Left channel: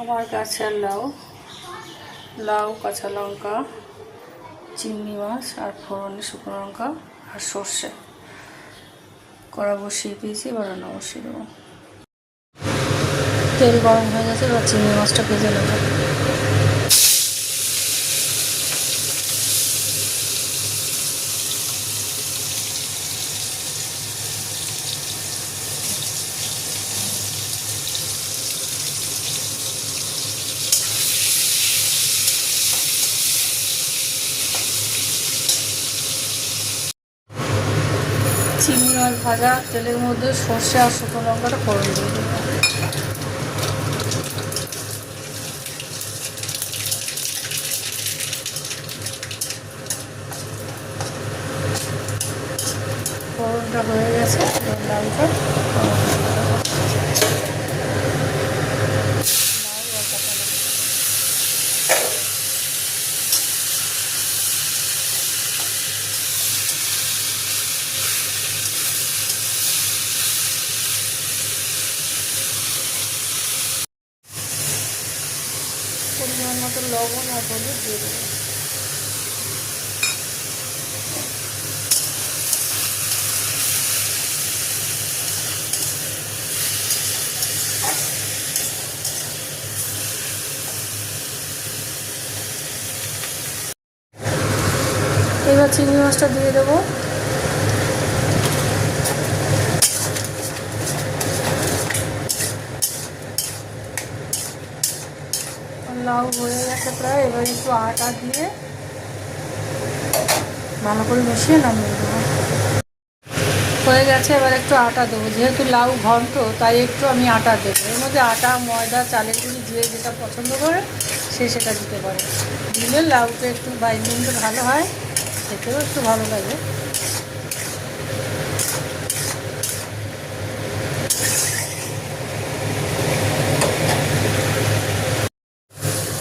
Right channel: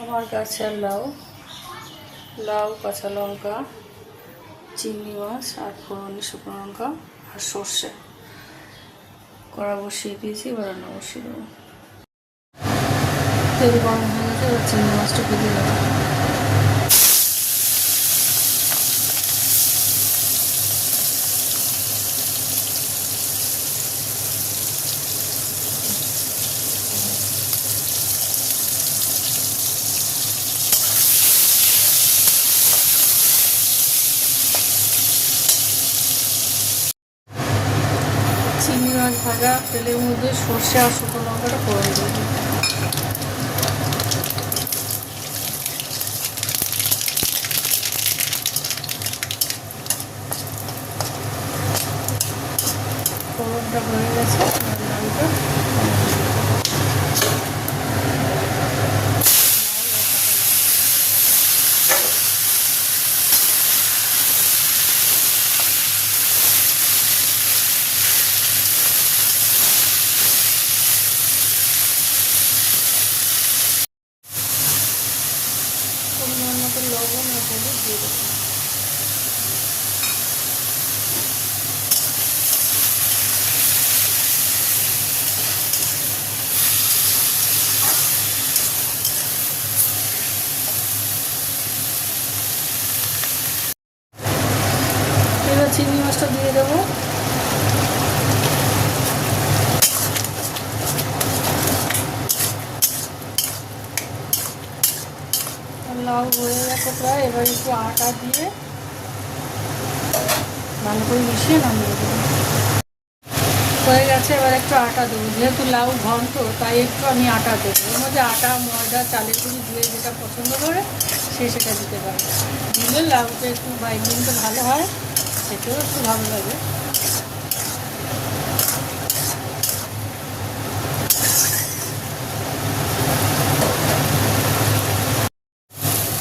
আমার গাছের লাউ, কাঁচা লঙ্কা, চিংড়ি মাছ আর ফোড়নে শুকনো লঙ্কা আর সর্ষে কড়া বসিয়ে দিয়েছি। এবার রান্না বসিয়ে দেবো। তেল গরম হয়ে গেছে, এবার চিংড়ি মাছটা ভেজে নেব। চিংড়ি মাছ ভাজা তেলের মধ্যে সর্ষে আর শুকনো লঙ্কাটা ফোড়ন দিয়ে দেবো। ফোড়নটা হয়ে গেছে, এবার লাউটা ফোড়ন দিয়ে দেবো। পরিমাণ মতো লবণ আর হলুদ দিয়ে দেবো। এবার চিংড়ি মাছটা দিয়ে দেবো। লাউ হয়ে গেছে প্রায়, এবার একটু আটা দিয়ে ভালো করে মিশিয়ে নামিয়ে দেবো। হয়ে গেছে, এবার একটু আটা দেবো। যেহেতু লাউ ঘন্ট, তাই একটু আমি আটা দেবো। এর মধ্যে আটা, ময়দা, চালের গুঁড়ি দিয়ে যেটা পছন্দ করে সে সেটা দিতে পারে। দিলে লাউটা একটু বাইন্ডিংটা ভালো হয়, খেতেও একটু ভালো লাগে।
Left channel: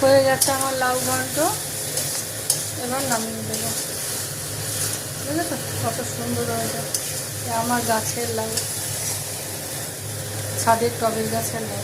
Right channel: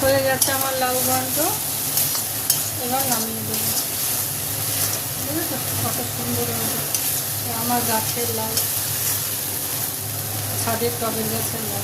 হয়ে গেছে আমার লাউ ঘন্ট, এবার নামিয়ে দেবো। দেখেছো কত সুন্দর হয়েছে। আমার গাছের লাউ, ছাদের টবের গাছের লাউ।